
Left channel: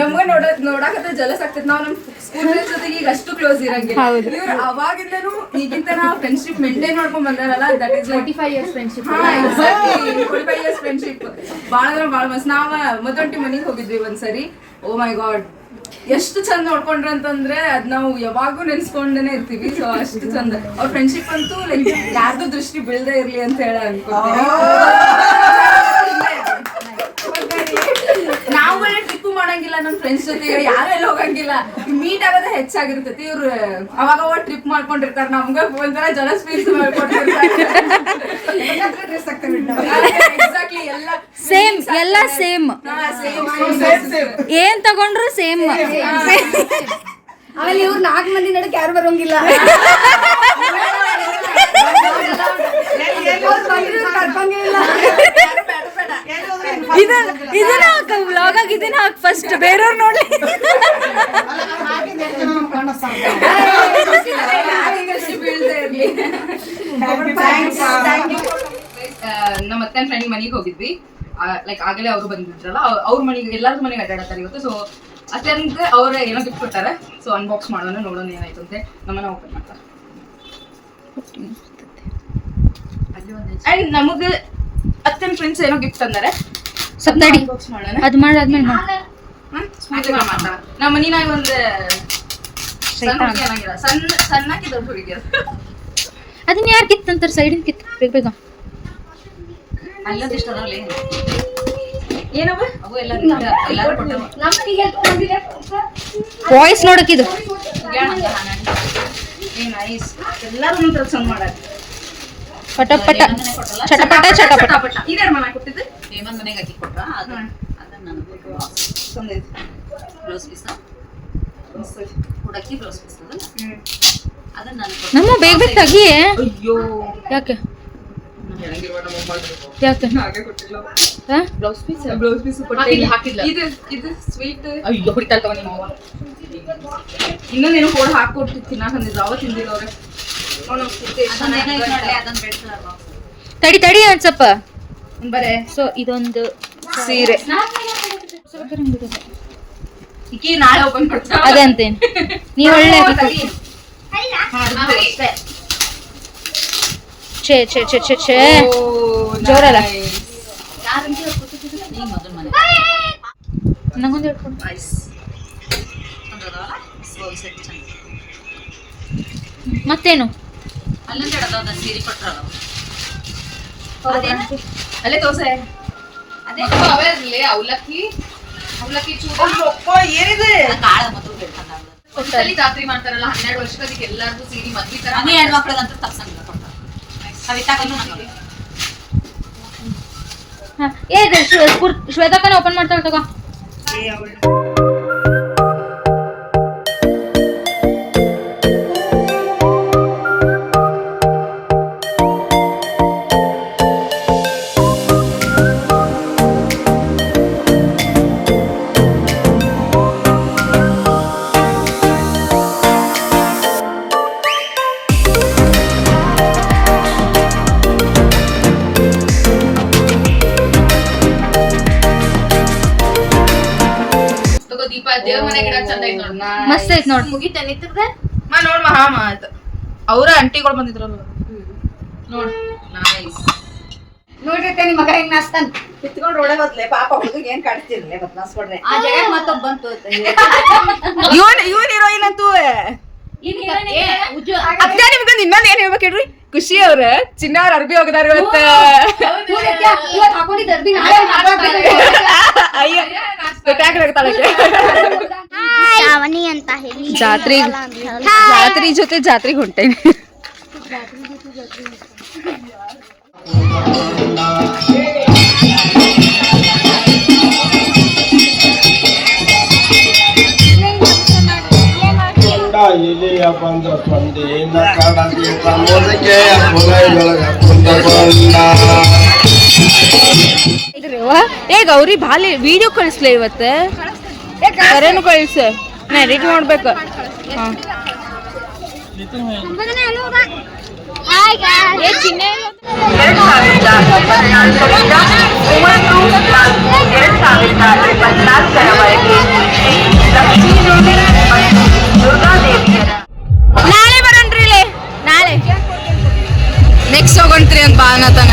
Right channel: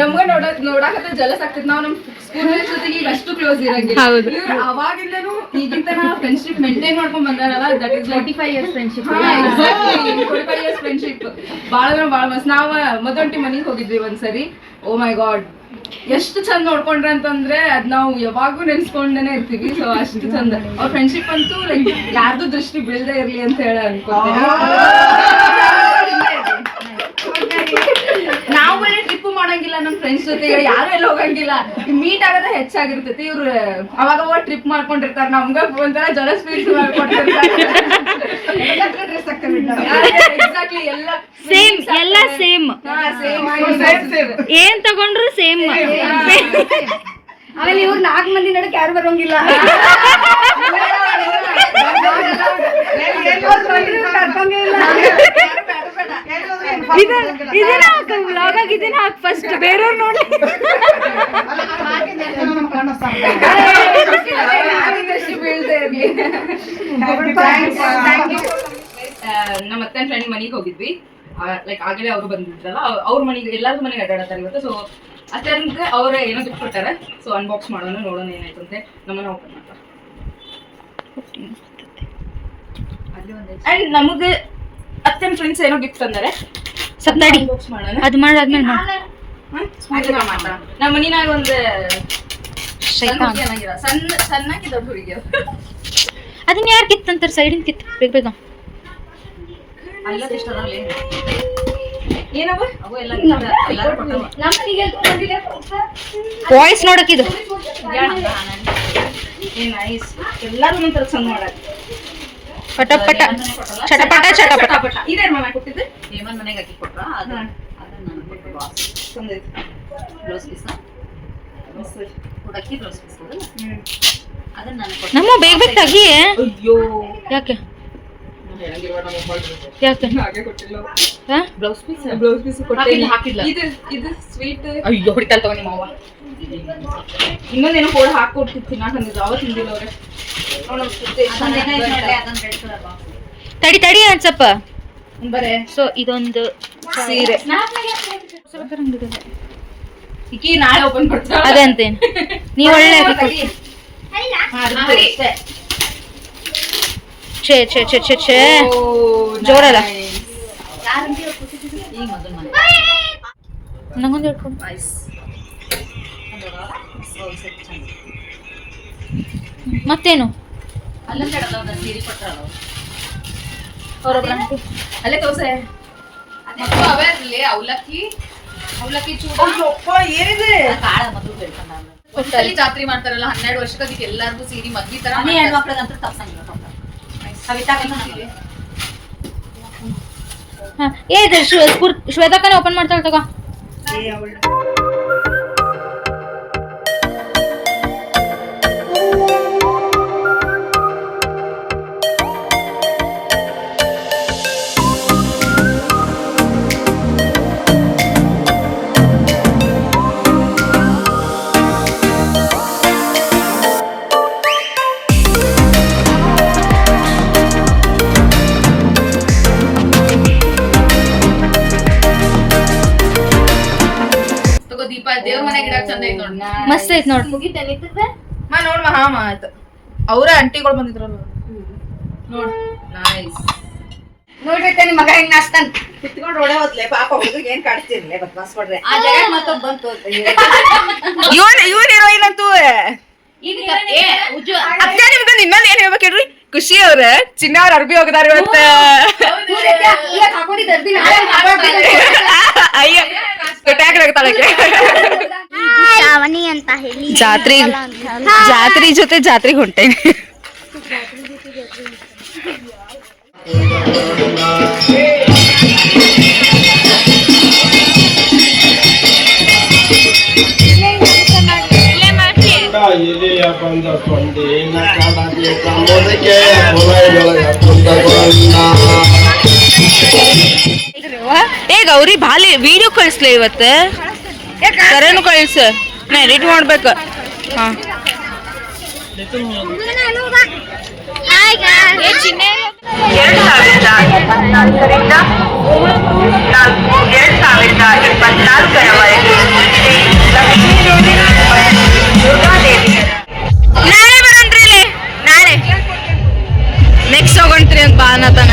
ನಮ್ಗ ನೋಡ ನೋಡಾಕತ್ತ ಜಲಸ್ ಆಗ್ತದೆ ನಾವು ನಮ್ ಸ್ಕೂಲ್ ಫ್ರೆಂಡ್ಸ್ ಜೊತೆಗೆ ಈಗ ಅಷ್ಟು ಕ್ಲೋಸ್ ಇರಂಗಿಲ್ಲ. ಇವ್ರು ಅವಾಗಿಂದನು ಈಗಿಂತ ನಾವು ಫ್ರೆಂಡ್ಶಿಪ್ ಮೇಂಟೈನ್ ಮಾಡ್ಕೊಂಡ್ ಬಂದಾರಲ್ಲ that is twenty five years friendship ಬಾಳ ಬಾಳ ಫ್ರೆಂಡ್ಶಿಪ್ ಭಾಳ ಅಂದ್ರೆ ಭಾಳ ಮಸ್ತ್. ನಾವ ಮದೊಂಟಿ ಮನೆಗೆ ಹೋಗಿದ್ವಿ ಒಂದ್ಸರಿ. ಓ ಮೈ ಗಾಡ್ ಎಷ್ಟು ಚಂದ ನೋಡ್ಕೊಂಡ್ರೆ ಅಂತಂದ್ರೆ ಅದ್ ನಾವು ಯಾವಾಗೂ ನೆನ್ಸ್ಕೊಂಡೇನೆ ಇರ್ತೀವಿ. ಸೊ ಅಷ್ಟು ಚಂದ. ಅವ್ರ ಫ್ರೆಂಡ್ಶಿಪ್ ಅಂತೂ ಲೈಕ್ ಯಾರ್ದು ದೃಷ್ಟಿ ಬೀಳದೆ ಇರ್ಲಿ ಅಂತ ಹೇಳ ನಾವು ಟ್ರಿಪ್ ಮಾಡಂಗಿಲ್ಲ ನಮ್ ಫ್ರೆಂಡ್ಸ್ ಜೊತೆ ಯಾರು ಯಾರೆಲ್ಲ ಹೋಗಂಗಿಲ್ಲ. ಮೀಟ್ ಆಗೋದೇ ಹೆಚ್ಚಾಗಿರ್ತೈತಿ. ಇವ್ರು ಅವಾಗ ಅವಾಗ ಟ್ರಿಪ್ ಮಾಡ್ಕೊಂಡಿರ್ತಾರೆ. ನಮ್ಗ ಒಂಥರ ಜನ ಸ್ಪೀಸ್ ಮಾಡ್ಕೊಂಡಿರ್ತಾರೆ ಎಕ್ಸಾಕ್ಟ್ಲಿ ಎಲ್ಲ ಸೇಮ್ ಎಲ್ಲ ಸೇಮ್ ಸೇಮ್ ಏನ್ ತಗೊಂಡ್ರು ಸೇಮ್ ಆಮೇಲೆ ಇವ್ರು ನಾಲ್ಕು ಮಂದಿ ನಡಕ್ ಯಾರು ಬರೋಂಗಿಲ್ಲ. ಕರ್ಕೊಂಗೇ ಇಲ್ಲ. ಇದನ್ನ ಹಾಕ ವ್ಲಾಗ್ ಇದನ್ನ ಹಾಕ್ ಫಸ್ಟ್ ಬೇರೆಯವ್ರು ನೋಡಿ. ನಮ್ಮ ಅತ್ತೆ ಫ್ರೆಂಡ್ ಮನೆಗೆ ಹೋಗಿದ್ವಿ. ಲೈಕ್ ಆಗಲೇ ಅವರು ಬಂದಿದ್ರಲ್ಲ ಅವ್ರ- ಮನೆಗೆ ಎಲ್ಲಾರ್ದು ಮನೆಗೆ ಅಡ್ಡಾಡತ್ತಾರೆ ಇವತ್ತು ಸೊ ಅತ್ತೆಂದ್ರೆ ಅವ್ರ ಏನೋ ಗಿಫ್ಟ್ ಕೊಡ್ತಾರೆ. ಸೊ ಅನ್ಬಾಕ್ಸ್ ಮಾಡೋಣ ನೋಡೋಣ ಏನಾಯ್ತು ಅಂತೆ ನಮ್ಮನ್ನ ಓಪನ್ ಮಾಡ್ತಾರೆ. ಅಂಡ್ ನಮಗೆ ಅತ್ತೆನ ಫ್ರೆಂಡ್ಸ್ ಏನೋ ಗಿಫ್ಟ್ ತಂದಾರೆ. ಸಪ್ತಡಿ ಅನ್ಬಾಕ್ಸ್ ಮಾಡೋಣ. ಅದು ಮಾಡಾದ್ಮೇಲೆ ಮಾಡೋಣ. ನಮ್ಮ ಮನಿನಾಗ ಒಂದು ಸಣ್ಣ ಸಣ್ಣಕ್ಕೆ ದೊಡ್ಡ ಹುಡುಗಿ ಅದು. ಅದನ್ನ ಯಾರು ಕಿತ್ತಂತಾರೆ? ಸೈಡಿಂದ ಕಿತ್ತು ಬೇಗ ಬೇಗ. ಏನವ ಅವು ಎಲ್ಲ ವಾಯ್ಸ್ ನೋಡಕ್ ಇದು ಏ ನೈಸ್ ಎಲ್ಲರೂ ಒಂಥರ ಚಂದ ಮಾಡಾರ. ಪಟ ಪಟ. ಚಟಪಟ ಚಟಪಟ ಪಟ ಇದೇ ಮನೆ ಕೊಟ್ಟಿದ್ದು ಹೇಮನ್ ಮನೆಗೆ ಅಕ್ಕಿ ಕೊಟ್ಟ ಅದು. ಅದನ್ನ ನನಗೆ ಚಂದ ಐತಿ. Blouse piece? ಮಸ್ತ್ ಐತಿ. ಹುಡಕಿ ಬ್ಲೌಸ್ ಪೀಸ್ ಅದನ್ನ ನಾನು ನಮ್ಮ ಬೇಗ ಬೇಗ ತಗಿ ಅಯ್ಯೋ. ಯಾಕೆ? Blouse piece? Blouse piece. ಇದು ಇದು ಸ್ವೀಟ್ ಅಯ್ಯೋ ಹೊಡಿತಾಳ ತಗೋ ನಿಮ್ಮ ಅವ್ವ ಇನ್ನೊಂದೇನೋ ಕೋಡ್ ಅವ ತಿಂದಿಲ್ಲ ಅವ್ರೆ. ತಡಿ ತಡಿ ಅನ್ಸಪ್ಪ ಬರೇ. ಸೊ ಇದೊಂದು ಸೀರೆ. ನಾಳೆ ಓಪನ್ ಅದೇ ಅದಂತೇನ್. ನೀವ್ ಒಳ್ಳೆ ಅಕ್ಕಿ ಕೊಟ್ಟಿ. ಹಾ, ಅದು ಅಷ್ಟೇ. ಛೇ ಛೇ ಛೇ ಛೇ ಛೇ. ಓ, ಜೋರಲ್ಲ. ನಂಗೊಂದು ಹೇಳ್ಕೊಡು ಮತ್ತೇನು. ಅಲ್ಲೇ ಅವೇರ್ಲಿ ಅವಲಕ್ಕಿ. ಅವಲಕ್ಕಿ ಏನಿದೆ? ಜಾತ್ರೆ ಮಾಡ್ತಾರಲ್ಲ ಹನ್ನೆರಡು ವರ್ಷಕ್ಕೆ ಎಲ್ಲಾರ್ಗೂ ಸೀರೆ ಮದ್ವಿ ತರ ಮನೆ ಹೆಣ್ಮಕ್ಳದಂತೂ ತಪ್ಸಂಗಿಲ್ಲ. ಹಾ, ಏ ಇದು ಶ್ವ- ಸ್ಫೂರ್- ಶ್ವೇತಕ್ಕನ ಓಪನ್ ಮಾಡ್ತಾಳೆ ತಗೋ ಐತ್ ನೋಡ್ ಮಾ ಹಾ ಮಾ ಆಯ್ತು. ಅವ್ರ ಅಂಟಿಗಳು ಬಂದಿದ್ರಲ್ಲ ನೋಡ್ ನೈಸ್ ನೋಡ್ರಿ ನಿಮ್ಮ ಮಗ ಹೆಂಗ್ ನಾಚ್ತಾನ? ಕಿತ್ಕೊಂಡು ಹೊಡೆ ಹೋದ್ಲೆ ಪಾಪ ಹುಡುಗ ಏನ್ ಕಾಡ್ತಿರ್ಲಿ ಬದ್ಮಾಸ್ ಕೊಡ್ರಿ ಆ ಜಾಗ ಮತ್ತೊಬ್ಬ ಬಂತು ಇವನ್ ಇವನ್ ಹೀರೋಯಿನ್ ಅಂತೂ. ಅಕ್ಕ ನಿಮ್ಗೊಂದು ಇನ್ನೊಂದ್ ಏನ್ ಹೇಳ್ಬೇಕು ಹೇಳ್ರಿ? ಖುಷಿ ಅವ್ರ. ಚಿನ್ನ ಅವ್ರ ಅರ್ಬಿ ಹೋಗದಾರ ಇವತ್ತ. ಅಯ್ಯ ಹೇಳಿ ಜಾತ್ರಿ ಜಾತ್ರಿ ಜೊತೆ ಜಾತ್ರೆಗೆ ಹೊಂಟೇನಿ ಇಲಿಯ ಬಂದ ಸೊಂಡಿನ ಕಡದಿ ಸಮುದಕ್ಕೆ ಪುನಯೊಳಗ ಕುಂದಗೊಂಡ ಏ ಗೌರಿ ಬಾಲಿ ವಿಡಿಯೋ ಕಳಿಸ್ಲಿ ಇವತ್ತ. ಕರೆನು ಕಳಿಸ. ನಾ ಎಡಿಟ್ ಮಾಡ್ಬೇಕು. ಹಾಂ. ಎರಡು ಸಾವಿರದ ಇಪ್ಪತ್ನಾಲ್ಕರಿಂದ ಒಂಬತ್ತು ನಾಲ್ಕು ಎರಡು ಸಾವಿರದ ನಾಳೆ ಬರೋಣ್ರಿ ಇಲ್ಲಿ. ನಾಳೆ. ನೆಕ್ಸ್ಟ್ ಹೋಗೋಣ್ರಿ ಅಂತ ಬಾ ಅನ್ನತಾನ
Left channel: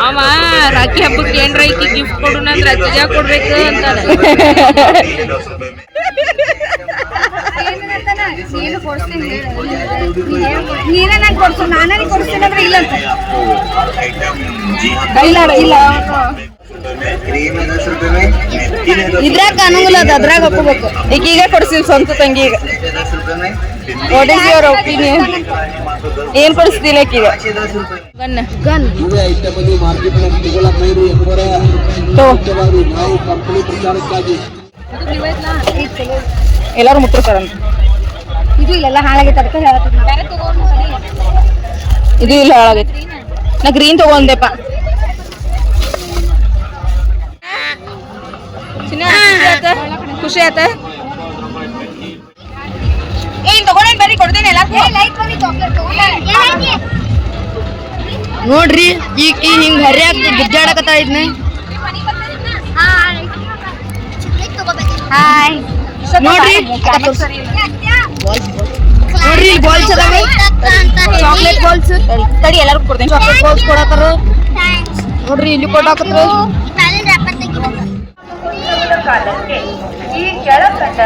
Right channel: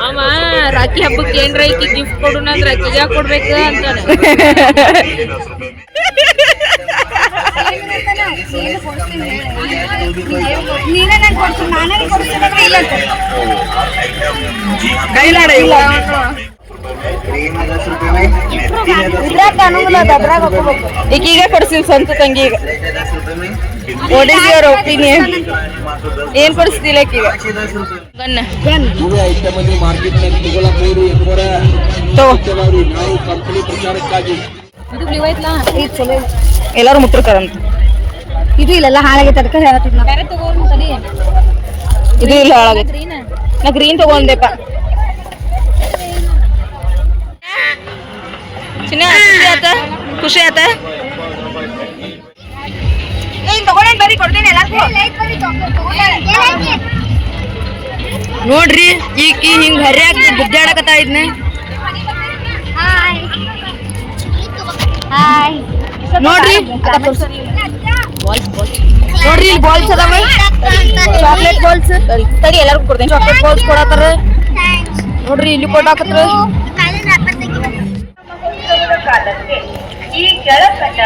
ಅವ ರಾಖಿ ಹಬ್ಬಕ್ಕೆ ಏನ್ರ ಗಿಫ್ಟ್ ಕೊಡು ಅಂದ್ರೆ ಅಜ್ಜಿಗೆ ಕೊಡ್ಬೇಕು ಅಂತಾನೆ ನೀನು ಕೊಡ್ತೀನಿ ಹೇಳು. ನೀನೇ ನಂಗೆ ಕೊಡ್ಸು ನಾನೇ ಕೊಡ್ತೀನಿ ಅಂದ್ರೆ ಇಲ್ಲ ಅಂತ ಕೈಲಾಡ ಇಲ್ಲ ಇದ್ರಾಗ ಅನುಕೂಲ ಅದ ಅದ್ರಾಗ ಈಕೀಗ ಕೊಡ್ಸಿಲ್ ಸ್ವಂತ ತಂಗಿಗ ವಾಟ್ ಇಸ್ ಯುವರ್ ಒಪಿನಿಯನ್ ಏನ್ ಕೊಡಿಸ್ತಿಲ್ಲ ಗನ್. ಗನ್. ಎಲ್ಲಾರು ಮುಟ್ಟಿರ್ತಾರಂತ. ಇದು ಇಲ್ಲೆಲ್ಲ ಹಾಳಾಗೈತೆ ಅದಕ್ಕೆ ಹೇಳತ್ತಿದ್ ನಾವು ಇದು ಇಲ್ಲ ಹಾಳಾಗೈತೆ. ನಾ ಗ್ರೀನ್ ತಗೊಂಡೆಪ್ಪ. ಖುಷಿ ಆತ ಖುಷಿ ಆತ? ಏನ್ ತಗೊಂಡೇನ್ ಬರ್ರಿ ಕೊಡ್ತೀನಿ ನೋಡ್ರಿ ಈಕಿ ಹಿಂಗ್ ಹರಿಯಾಕ ಗುದ್ದಾಡಕತ್ತಾ ಇದ್ನ. ಹಾಯ್. ಹಾಯ್ ನೋಡ್ರಿ. ನೋಡ್ರಿ ಇಲ್ಲಿ ಬಾಲ್ಸ್ ಅದಾವ. ಚಾಕ್ಲೇಟ್ ಬಾಲ್ಸ್ ತಡಿ ಎಲ್ಲರಿಗೂ ಕೊಡ್ತೇನೆ. ಚಾಕ್ಲೇಟ್ ಬಾಲ್ಸ್ ಕೊಡತ್ತಾರ. ಥ್ಯಾಂಕ್ಸ್ ನೋಡ್ರಿ ಇಲ್ಲಿ ಕೊಡಾಕತ್ರ ಈ ಕೆಳಕಂಡ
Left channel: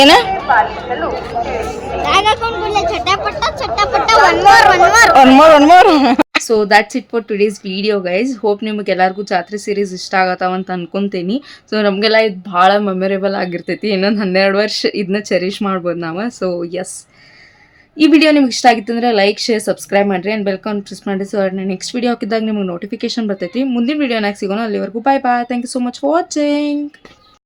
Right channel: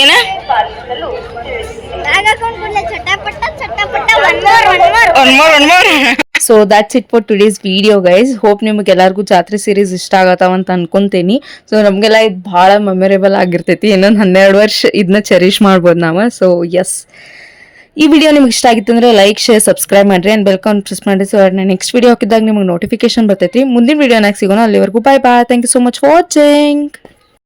ಏನ? One more one more so that's it for today's video guys hope ನಿಮಗೆಲ್ಲರಿಗೂ ಜಾತ್ರೆ ಸೀರೀಸ್ ಇಷ್ಟ ಆಗತ್ತಾವ ಅಂತ ಅನ್ಕೊಂತೀನಿ. ಸೊ ನಮಗೆಲ್ಲ ಇದು ಭಾಳ ಮೆಮೊರೇಬಲ್ ಆಗಿರ್ತೈತಿ. ಇನ್ನೊಂದು ಹನ್ನೆರಡು ವರ್ಷ ಇದನ್ನ ಚೆರಿಷ್ ಮಾಡ್ಬೋದು ನಾವು. ಸೊ ಎಸ್ ಈ ವಿಡಿಯೋ ನಿಮ್ಗೆ ಇಷ್ಟ ಆಗಿತ್ತು ಅಂದ್ರೆ ಲೈಕ್ ಶೇರ್ ಸಬ್ಸ್ಕ್ರೈಬ್ ಮಾಡ್ರಿ. ಆ್ಯಂಡ್ ಬೆಲ್ಕನ್ ಪ್ರೆಸ್ ಮಾಡಿ ಸೊ ನಾನು ನೆಕ್ಸ್ಟ್ ವಿಡಿಯೋ ಹಾಕಿದಾಗ ನಿಮ್ಗೆ ನೋಟಿಫಿಕೇಶನ್ ಬರ್ತೈತಿ. ಮುಂದಿನ ವಿಡಿಯೋನಾಗ ಸಿಗೋಣ. ಅಲ್ಲಿವರೆಗೂ bye bye thank you so much watching